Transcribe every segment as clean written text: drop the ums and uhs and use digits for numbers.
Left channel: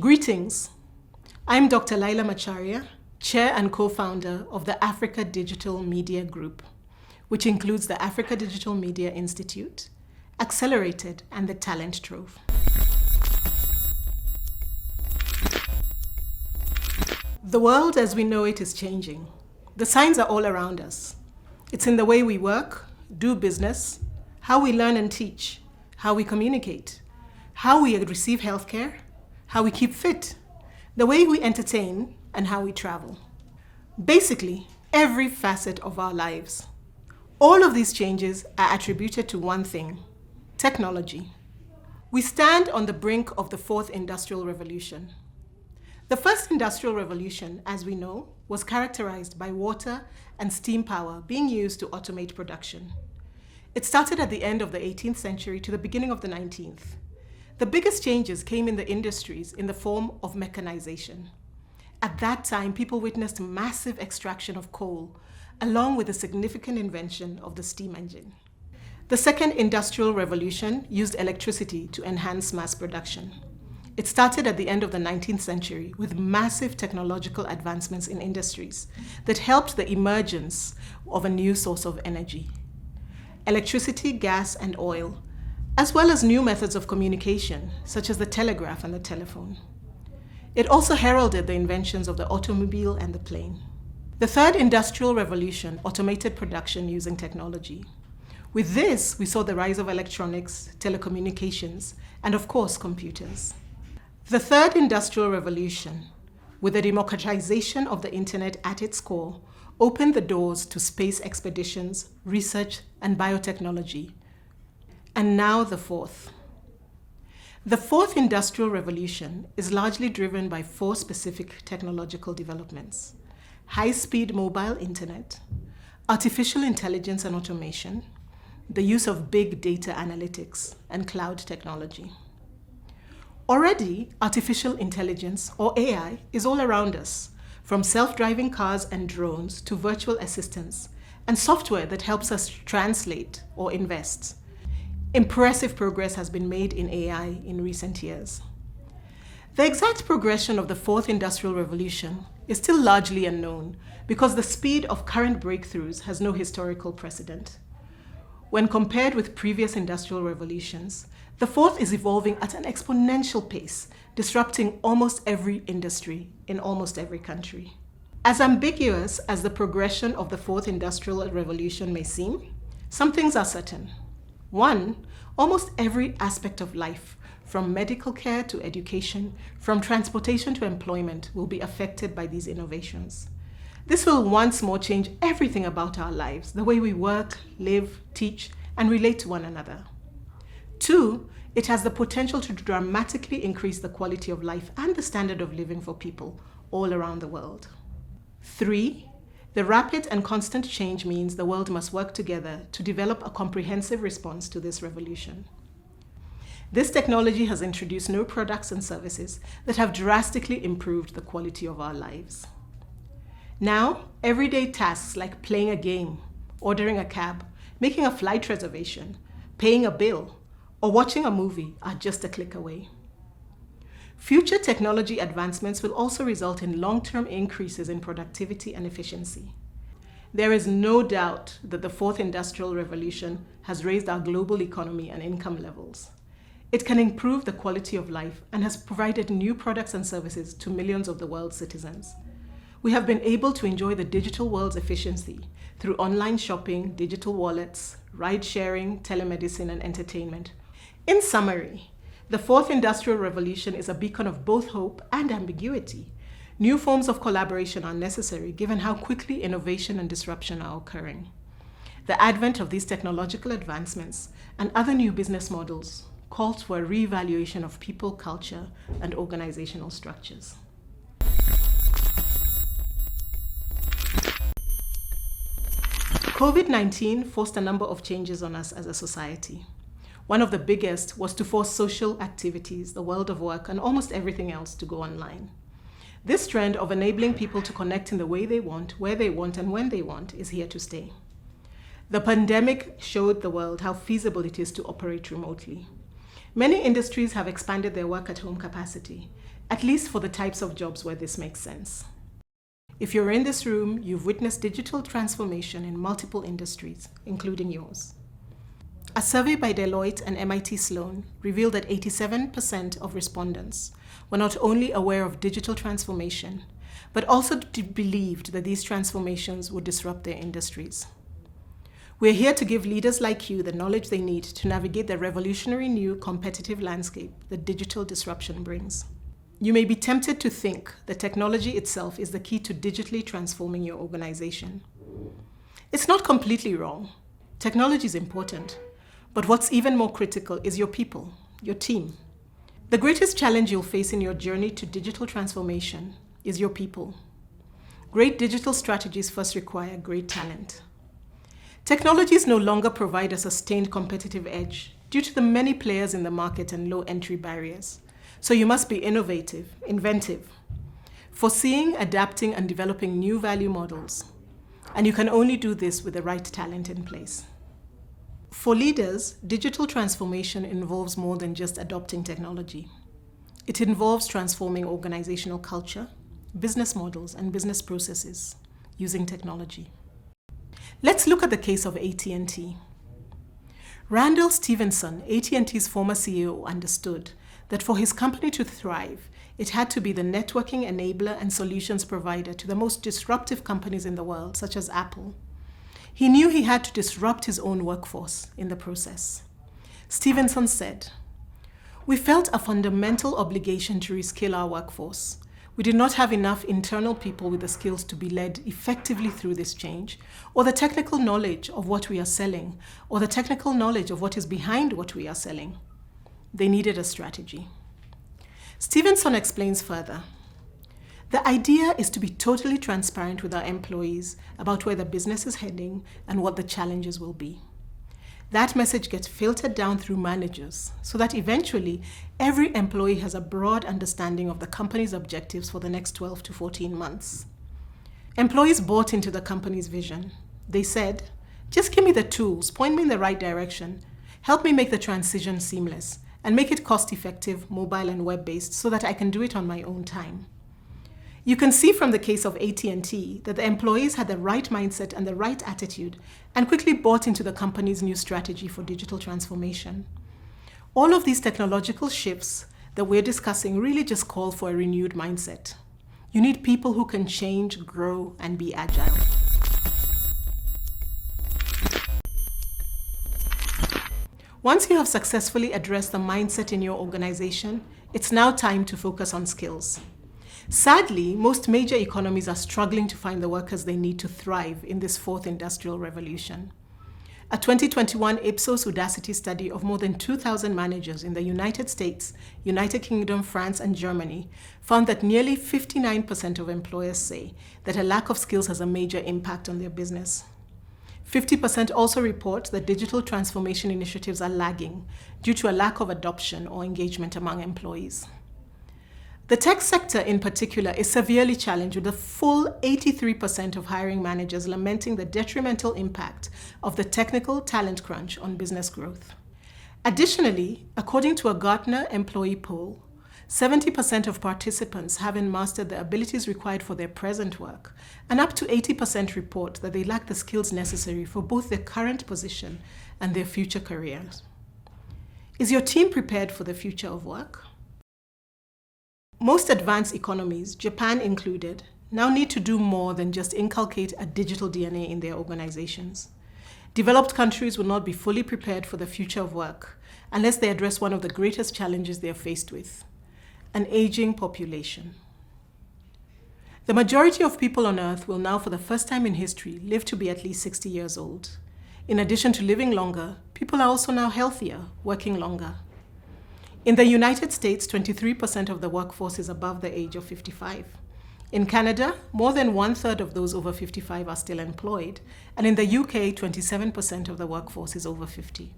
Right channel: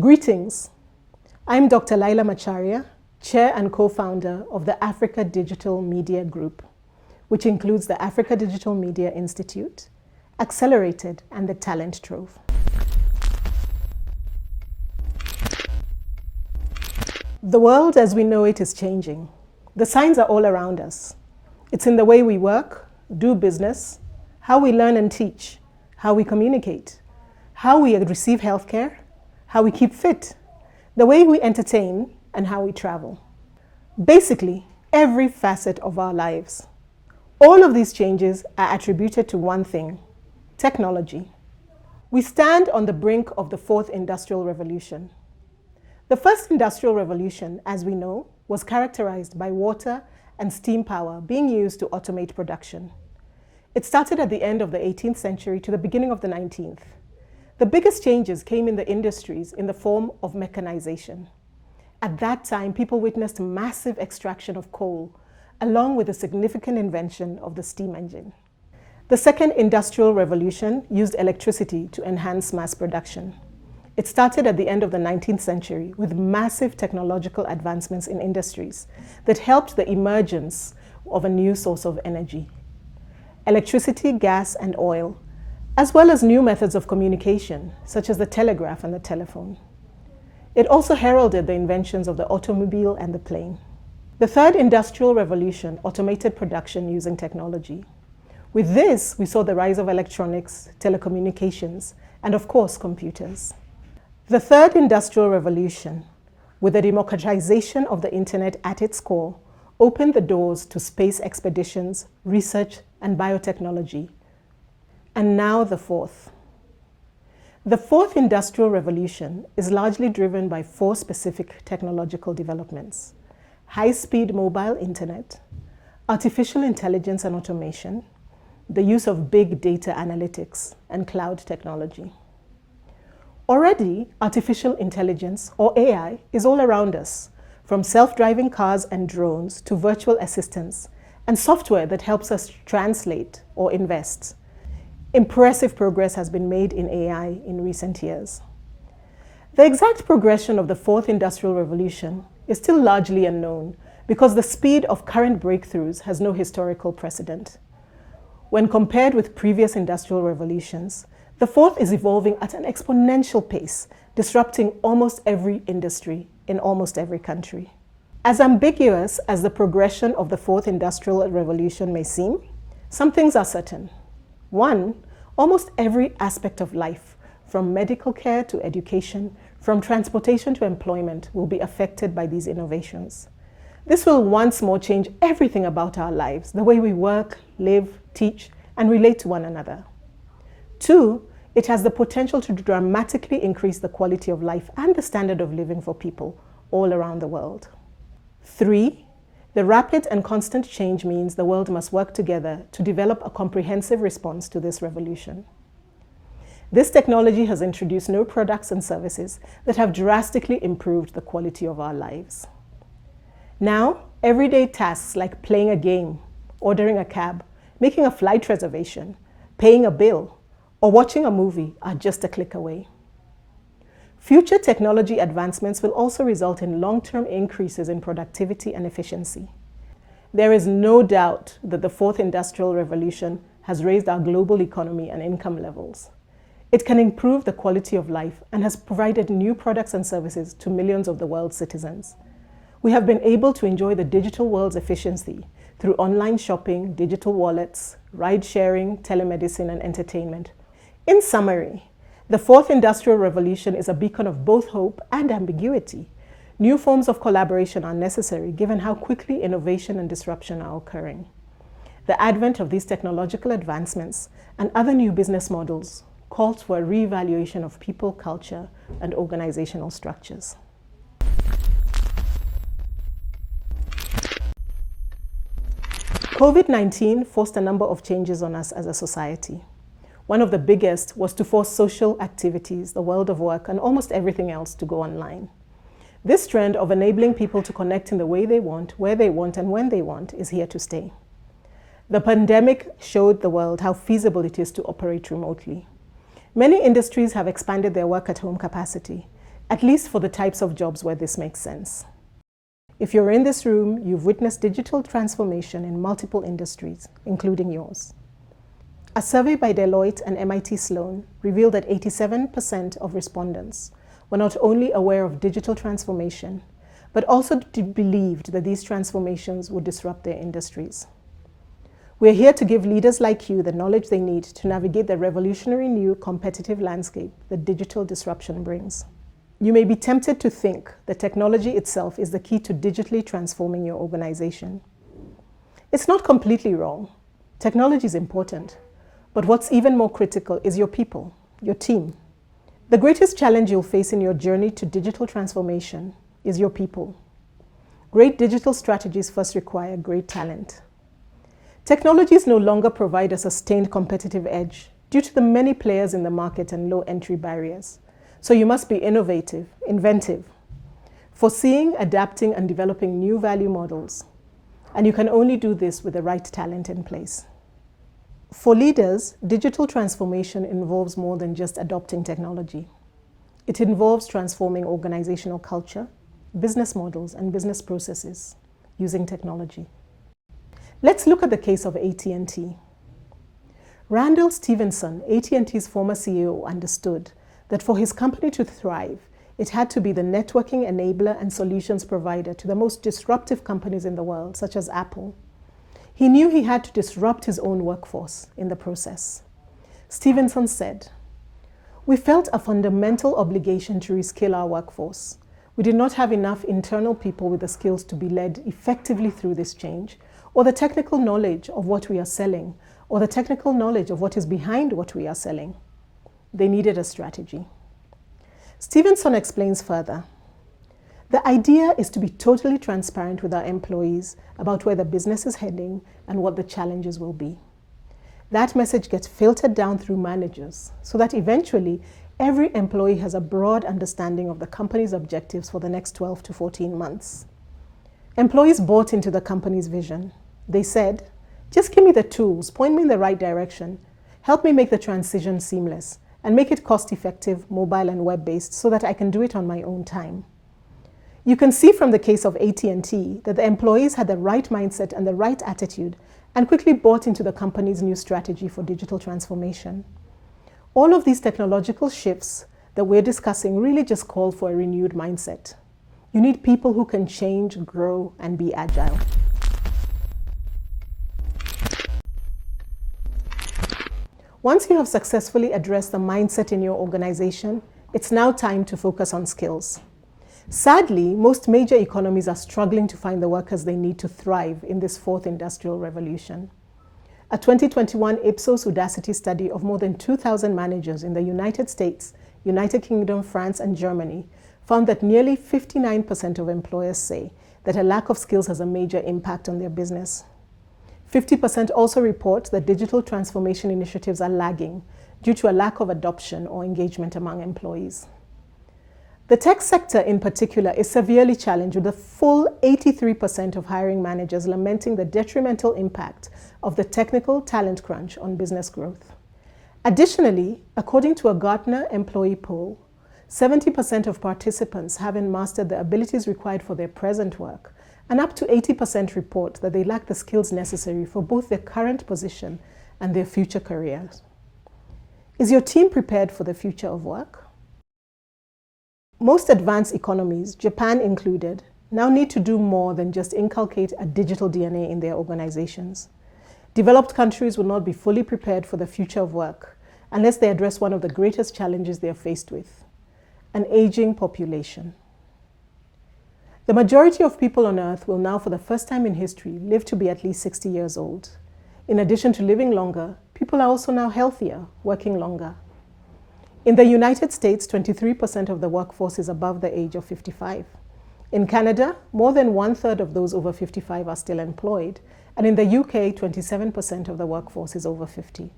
Greetings. I'm Dr. Laila Macharia, Chair and Co-founder of the Africa Digital Media Group, which includes the Africa Digital Media Institute, Accelerated, and the Talent Trove. The world as we know it is changing. The signs are all around us. It's in the way we work, do business, how we learn and teach, how we communicate, how we receive healthcare, how we keep fit, the way we entertain, and how we travel. Basically, every facet of our lives. All of these changes are attributed to one thing: technology. We stand on the brink of the fourth industrial revolution. The first industrial revolution, as we know, was characterized by water and steam power being used to automate production. It started at the end of the 18th century to the beginning of the 19th. The biggest changes came in the industries in the form of mechanization. At that time, people witnessed massive extraction of coal, along with the significant invention of the steam engine. The second industrial revolution used electricity to enhance mass production. It started at the end of the 19th century with massive technological advancements in industries that helped the emergence of a new source of energy. Electricity, gas, and oil, as well as new methods of communication, such as the telegraph and the telephone. It also heralded the inventions of the automobile and the plane. The third industrial revolution automated production using technology. With this, we saw the rise of electronics, telecommunications, and of course, computers. The third industrial revolution, with the democratization of the internet at its core, opened the doors to space expeditions, research, and biotechnology. And now the fourth. The fourth industrial revolution is largely driven by four specific technological developments: high-speed mobile internet, artificial intelligence and automation, the use of big data analytics, and cloud technology. Already, artificial intelligence, or AI, is all around us, from self-driving cars and drones to virtual assistants, and software that helps us translate or invest. Impressive progress has been made in AI in recent years. The exact progression of the fourth industrial revolution is still largely unknown because the speed of current breakthroughs has no historical precedent. When compared with previous industrial revolutions, the fourth is evolving at an exponential pace, disrupting almost every industry in almost every country. As ambiguous as the progression of the fourth industrial revolution may seem, some things are certain. One, almost every aspect of life, from medical care to education, from transportation to employment, will be affected by these innovations. This will once more change everything about our lives, the way we work, live, teach, and relate to one another. Two, it has the potential to dramatically increase the quality of life and the standard of living for people all around the world. Three, the rapid and constant change means the world must work together to develop a comprehensive response to this revolution. This technology has introduced new products and services that have drastically improved the quality of our lives. Now, everyday tasks like playing a game, ordering a cab, making a flight reservation, paying a bill, or watching a movie are just a click away. Future technology advancements will also result in long-term increases in productivity and efficiency. There is no doubt that the fourth industrial revolution has raised our global economy and income levels. It can improve the quality of life and has provided new products and services to millions of the world's citizens. We have been able to enjoy the digital world's efficiency through online shopping, digital wallets, ride-sharing, telemedicine, and entertainment. In summary, the fourth industrial revolution is a beacon of both hope and ambiguity. New forms of collaboration are necessary given how quickly innovation and disruption are occurring. The advent of these technological advancements and other new business models calls for a reevaluation of people, culture, and organizational structures. COVID-19 forced a number of changes on us as a society. One of the biggest was to force social activities, the world of work, and almost everything else to go online. This trend of enabling people to connect in the way they want, where they want, and when they want is here to stay. The pandemic showed the world how feasible it is to operate remotely. Many industries have expanded their work-at-home capacity. at least for the types of jobs where this makes sense. If you're in this room, you've witnessed digital transformation in multiple industries, including yours. A survey by Deloitte and MIT Sloan revealed that 87% of respondents were not only aware of digital transformation, but also believed that these transformations would disrupt their industries. We're here to give leaders like you the knowledge they need to navigate the revolutionary new competitive landscape that digital disruption brings. You may be tempted to think that technology itself is the key to digitally transforming your organization. It's not completely wrong. Technology is important, but what's even more critical is your people, your team. The greatest challenge you'll face in your journey to digital transformation is your people. Great digital strategies first require great talent. Technologies no longer provide a sustained competitive edge due to the many players in the market and low entry barriers. So you must be innovative, inventive, foreseeing, adapting, and developing new value models. And you can only do this with the right talent in place. For leaders, digital transformation involves more than just adopting technology. It involves transforming organizational culture, business models, and business processes using technology. Let's look at the case of AT&T. Randall Stephenson, AT&T's former CEO, understood that for his company to thrive, it had to be the networking enabler and solutions provider to the most disruptive companies in the world, such as Apple. He knew he had to disrupt his own workforce in the process. Stephenson said, "We felt a fundamental obligation to reskill our workforce. We did not have enough internal people with the skills to be led effectively through this change, or the technical knowledge of what we are selling, or the technical knowledge of what is behind what we are selling. They needed a strategy." Stephenson explains further. The idea is to be totally transparent with our employees about where the business is heading and what the challenges will be. That message gets filtered down through managers so that eventually every employee has a broad understanding of the company's objectives for the next 12 to 14 months. Employees bought into the company's vision. They said, "Just give me the tools, point me in the right direction, help me make the transition seamless, and make it cost-effective, mobile and web-based so that I can do it on my own time." You can see from the case of AT&T that the employees had the right mindset and the right attitude and quickly bought into the company's new strategy for digital transformation. All of these technological shifts that we're discussing really just call for a renewed mindset. You need people who can change, grow, and be agile. Once you have successfully addressed the mindset in your organization, it's now time to focus on skills. Sadly, most major economies are struggling to find the workers they need to thrive in this fourth industrial revolution. A 2021 Ipsos Udacity study of more than 2,000 managers in the United States, United Kingdom, France, and Germany found that nearly 59% of employers say that a lack of skills has a major impact on their business. 50% also report that digital transformation initiatives are lagging due to a lack of adoption or engagement among employees. The tech sector in particular is severely challenged, with a full 83% of hiring managers lamenting the detrimental impact of the technical talent crunch on business growth. Additionally, according to a Gartner employee poll, 70% of participants haven't mastered the abilities required for their present work, and up to 80% report that they lack the skills necessary for both their current position and their future careers. Is your team prepared for the future of work? Most advanced economies, Japan included, now need to do more than just inculcate a digital DNA in their organizations. Developed countries will not be fully prepared for the future of work unless they address one of the greatest challenges they are faced with: an aging population. The majority of people on Earth will now, for the first time in history, live to be at least 60 years old. In addition to living longer, people are also now healthier, working longer. In the United States, 23% of the workforce is above the age of 55. In Canada, more than 1/3 of those over 55 are still employed, and in the UK, 27% of the workforce is over 50.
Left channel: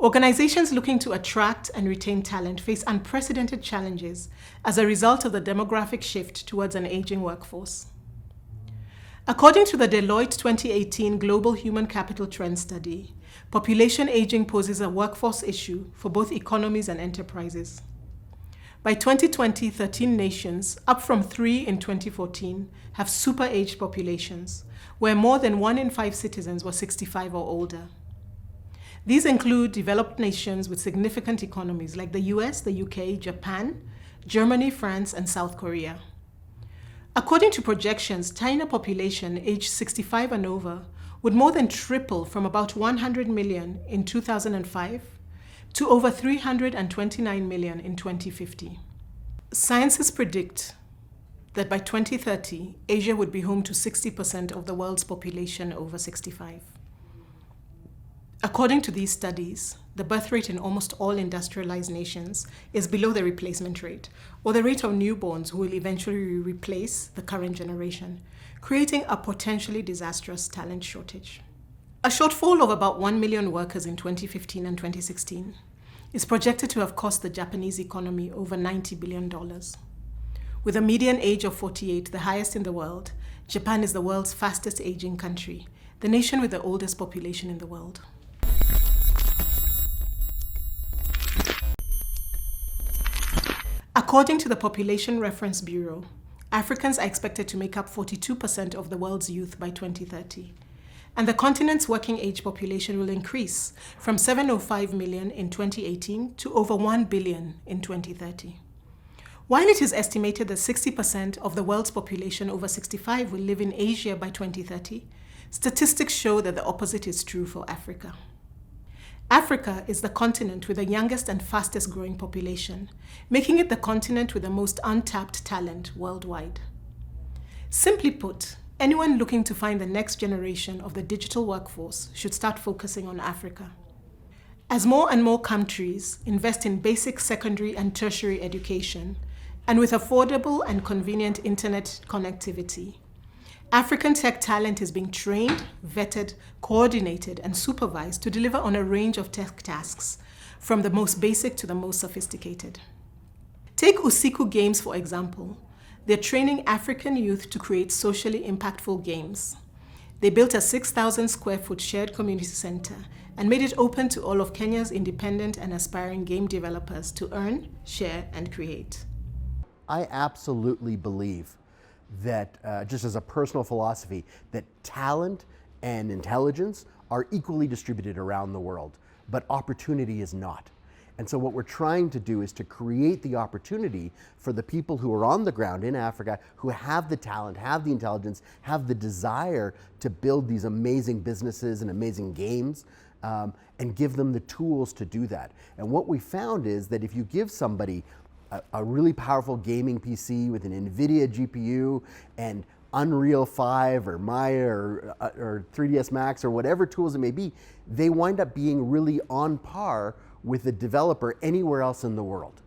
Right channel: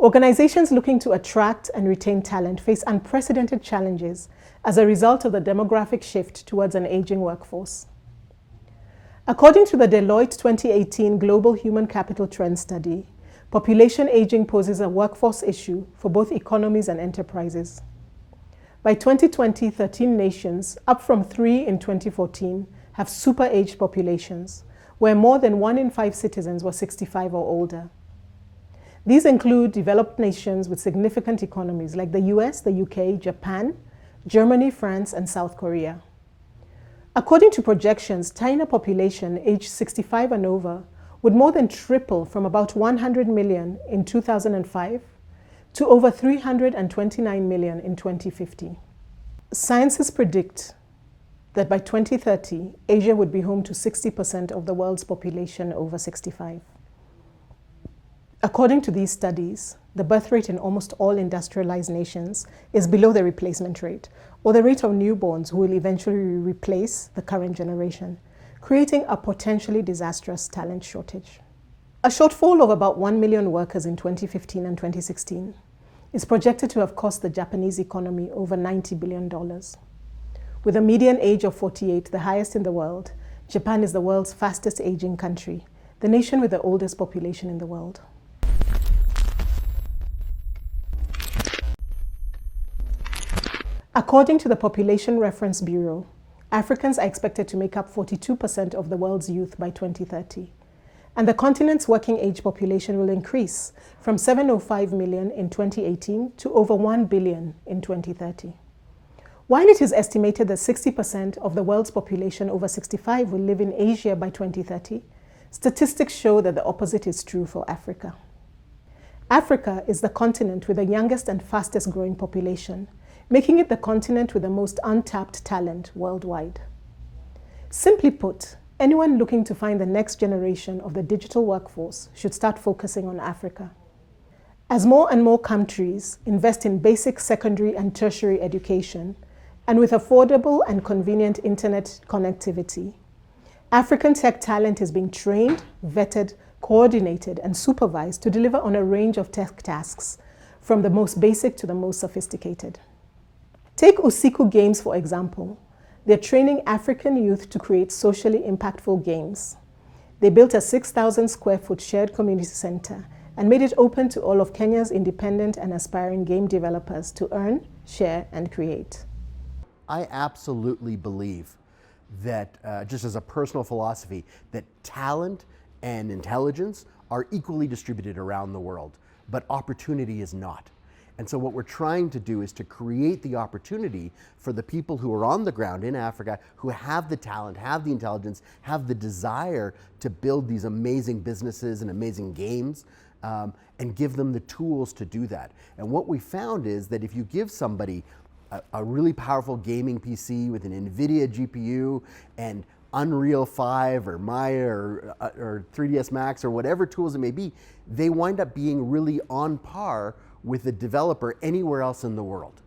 Organizations looking to attract and retain talent face unprecedented challenges as a result of the demographic shift towards an aging workforce. According to the Deloitte 2018 Global Human Capital Trend Study, population aging poses a workforce issue for both economies and enterprises. By 2020, 13 nations, up from 3 in 2014, have super-aged populations, where more than 1 in 5 citizens were 65 or older. These include developed nations with significant economies like the US, the UK, Japan, Germany, France, and South Korea. According to projections, China population aged 65 and over would more than triple from about 100 million in 2005 to over 329 million in 2050. Scientists predict that by 2030, Asia would be home to 60% of the world's population over 65. According to these studies, the birth rate in almost all industrialized nations is below the replacement rate, or the rate of newborns who will eventually replace the current generation, creating a potentially disastrous talent shortage. A shortfall of about 1 million workers in 2015 and 2016 is projected to have cost the Japanese economy over $90 billion. With a median age of 48, the highest in the world, Japan is the world's fastest aging country, the nation with the oldest population in the world. According to the Population Reference Bureau, Africans are expected to make up 42% of the world's youth by 2030, and the continent's working age population will increase from 705 million in 2018 to over 1 billion in 2030. While it is estimated that 60% of the world's population over 65 will live in Asia by 2030, statistics show that the opposite is true for Africa. Africa is the continent with the youngest and fastest growing population, making it the continent with the most untapped talent worldwide. Simply put, anyone looking to find the next generation of the digital workforce should start focusing on Africa. As more and more countries invest in basic secondary and tertiary education, and with affordable and convenient internet connectivity, African tech talent is being trained, vetted, coordinated, and supervised to deliver on a range of tech tasks, from the most basic to the most sophisticated. Take Usiku Games, for example. They're training African youth to create socially impactful games. They built a 6,000 square foot shared community center and made it open to all of Kenya's independent and aspiring game developers to earn, share, and create. I absolutely believe that, just as a personal philosophy, that talent and intelligence are equally distributed around the world, but opportunity is not. And so what we're trying to do is to create the opportunity for the people who are on the ground in Africa, who have the talent, have the intelligence, have the desire to build these amazing businesses and amazing games, and give them the tools to do that. And what we found is that if you give somebody a really powerful gaming PC with an NVIDIA GPU and Unreal 5 or Maya or 3ds Max or whatever tools it may be, they wind up being really on par with a developer anywhere else in the world.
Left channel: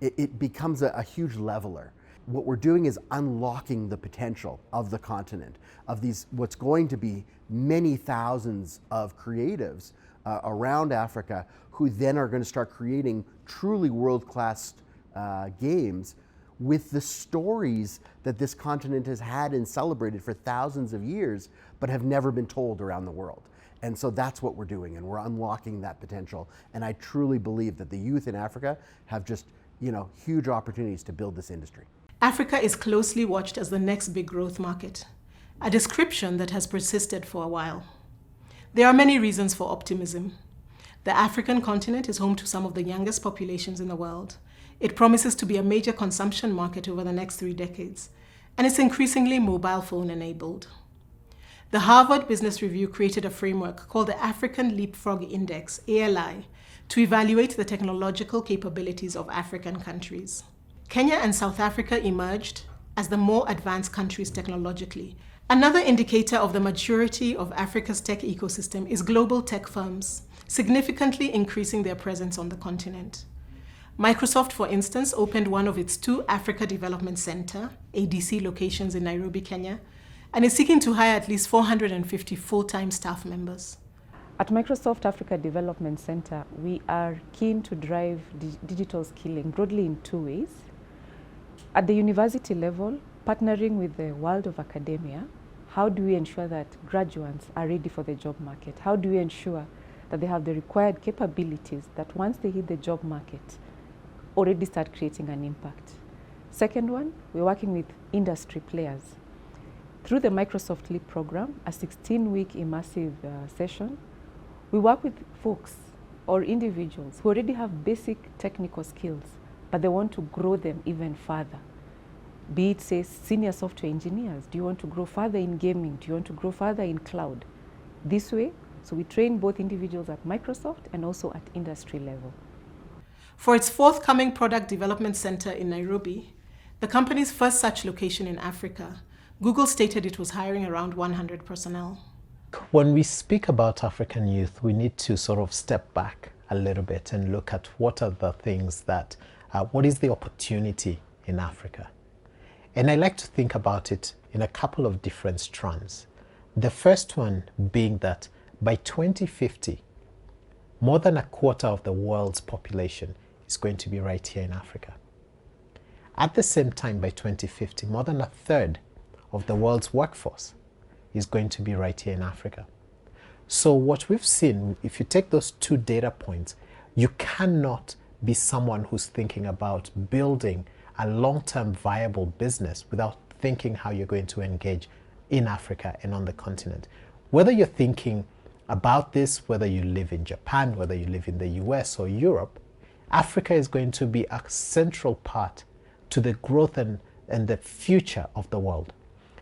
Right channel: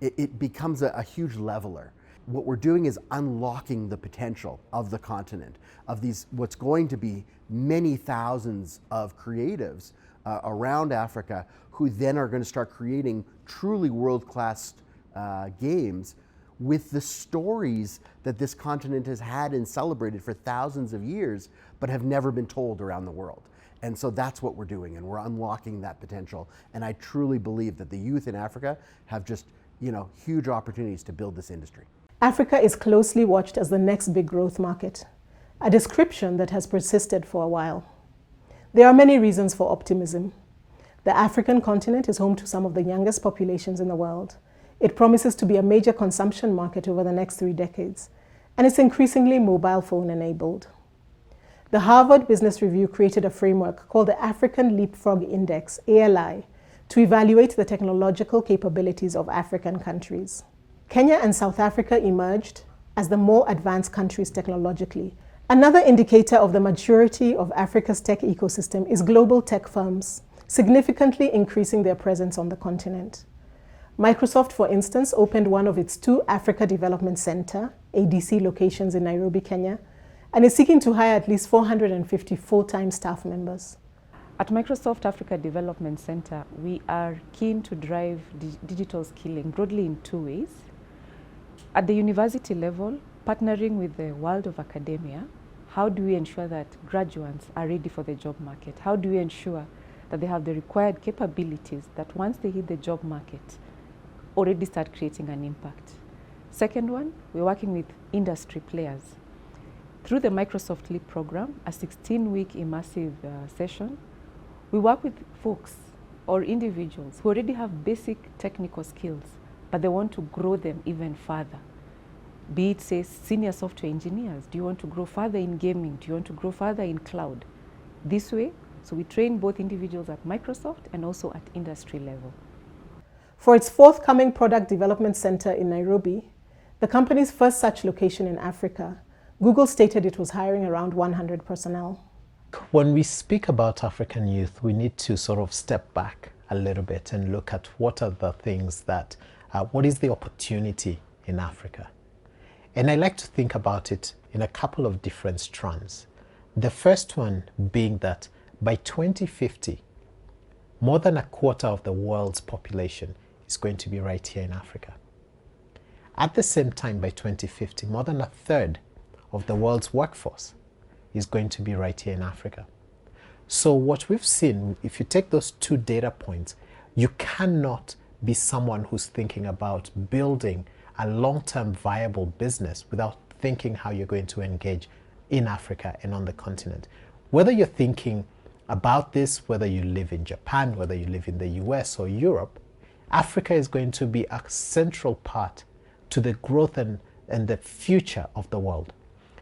It becomes a huge leveler. What we're doing is unlocking the potential of the continent, of these what's going to be many thousands of creatives around Africa who then are going to start creating truly world-class games with the stories that this continent has had and celebrated for thousands of years, but have never been told around the world. And so that's what we're doing, and we're unlocking that potential. And I truly believe that the youth in Africa have just, huge opportunities to build this industry. Africa is closely watched as the next big growth market, a description that has persisted for a while. There are many reasons for optimism. The African continent is home to some of the youngest populations in the world. It promises to be a major consumption market over the next 3 decades, and it's increasingly mobile phone enabled. The Harvard Business Review created a framework called the African Leapfrog Index, ALI, to evaluate the technological capabilities of African countries. Kenya and South Africa emerged as the more advanced countries technologically. Another indicator of the maturity of Africa's tech ecosystem is global tech firms, significantly increasing their presence on the continent. Microsoft, for instance, opened one of its 2 Africa Development Center, ADC locations in Nairobi, Kenya, and is seeking to hire at least 450 full-time staff members. At Microsoft Africa Development Center, we are keen to drive digital skilling broadly in 2 ways. At the university level, partnering with the world of academia, how do we ensure that graduates are ready for the job market? How do we ensure that they have the required capabilities that once they hit the job market, already start creating an impact. Second one, we're working with industry players. Through the Microsoft Leap program, a 16-week immersive session, we work with folks or individuals who already have basic technical skills, but they want to grow them even further. Be it, say, senior software engineers. Do you want to grow further in gaming? Do you want to grow further in cloud? This way, so we train both individuals at Microsoft and also at industry level. For its forthcoming product development center in Nairobi, the company's first such location in Africa, Google stated it was hiring around 100 personnel. When we speak about African youth, we need to sort of step back a little bit and look at what are the things that, what is the opportunity in Africa? And I like to think about it in a couple of different strands. The first one being that by 2050, more than a quarter of the world's population is going to be right here in Africa. At the same time, by 2050, more than a third of the world's workforce is going to be right here in Africa. So what we've seen, if you take those two data points, you cannot be someone who's thinking about building a long-term viable business without thinking how you're going to engage in Africa and on the continent. Whether you're thinking about this, whether you live in Japan, whether you live in the US or Europe, Africa is going to be a central part to the growth and the future of the world.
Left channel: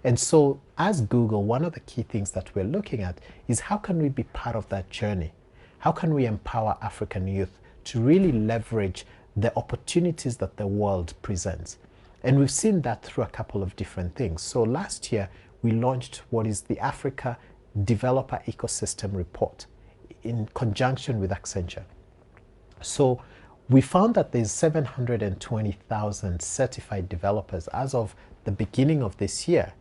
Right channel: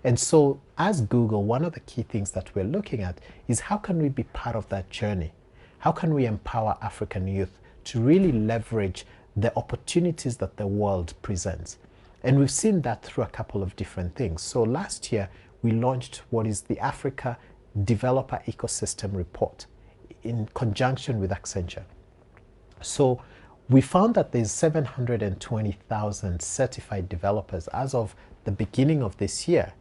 And so as Google, one of the key things that we're looking at is how can we be part of that journey? How can we empower African youth to really leverage the opportunities that the world presents? And we've seen that through a couple of different things. So last year, we launched what is the Africa Developer Ecosystem Report in conjunction with Accenture. So we found that there's 720,000 certified developers as of the beginning of this year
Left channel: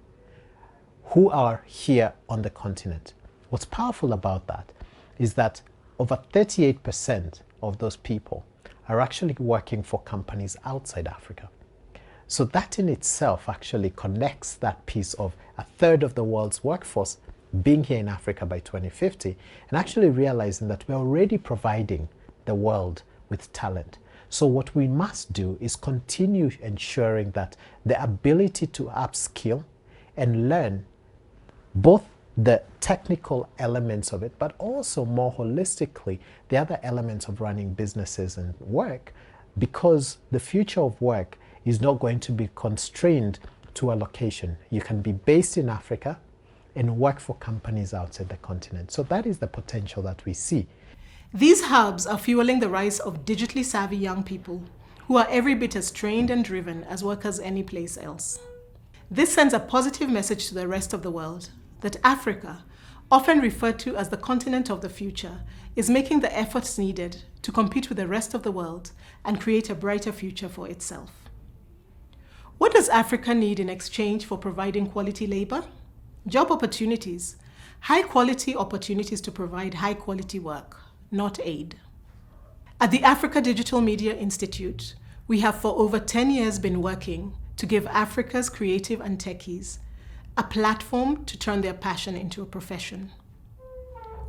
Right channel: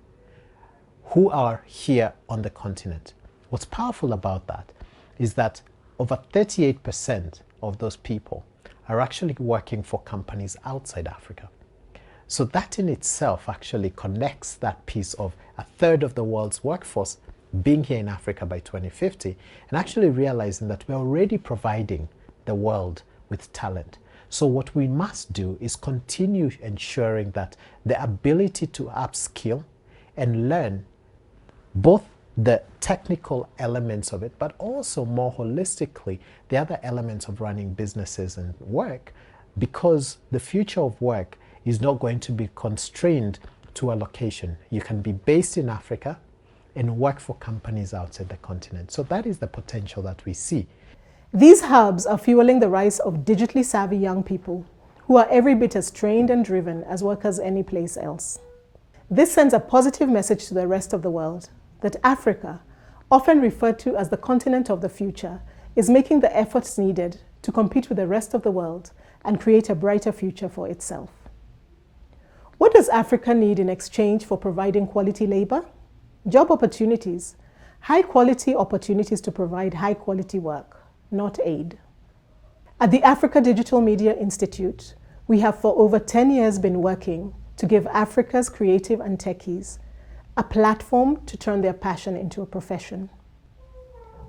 who are here on the continent. What's powerful about that is that over 38% of those people are actually working for companies outside Africa. So that in itself actually connects that piece of a third of the world's workforce being here in Africa by 2050 and actually realizing that we're already providing the world with talent. So what we must do is continue ensuring that the ability to upskill and learn both the technical elements of it, but also more holistically, the other elements of running businesses and work, because the future of work is not going to be constrained to a location. You can be based in Africa and work for companies outside the continent. So that is the potential that we see. These hubs are fueling the rise of digitally savvy young people who are every bit as trained and driven as workers any place else. This sends a positive message to the rest of the world that Africa, often referred to as the continent of the future, is making the efforts needed to compete with the rest of the world and create a brighter future for itself. What does Africa need in exchange for providing quality labor? Job opportunities, high-quality opportunities to provide high-quality work, not aid. At the Africa Digital Media Institute, we have for over 10 years been working to give Africa's creative and techies a platform to turn their passion into a profession.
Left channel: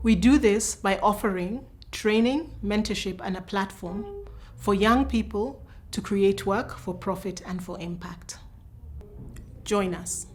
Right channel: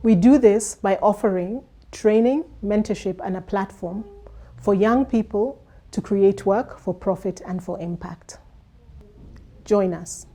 We do this by offering training, mentorship, and a platform for young people to create work for profit and for impact. Join us.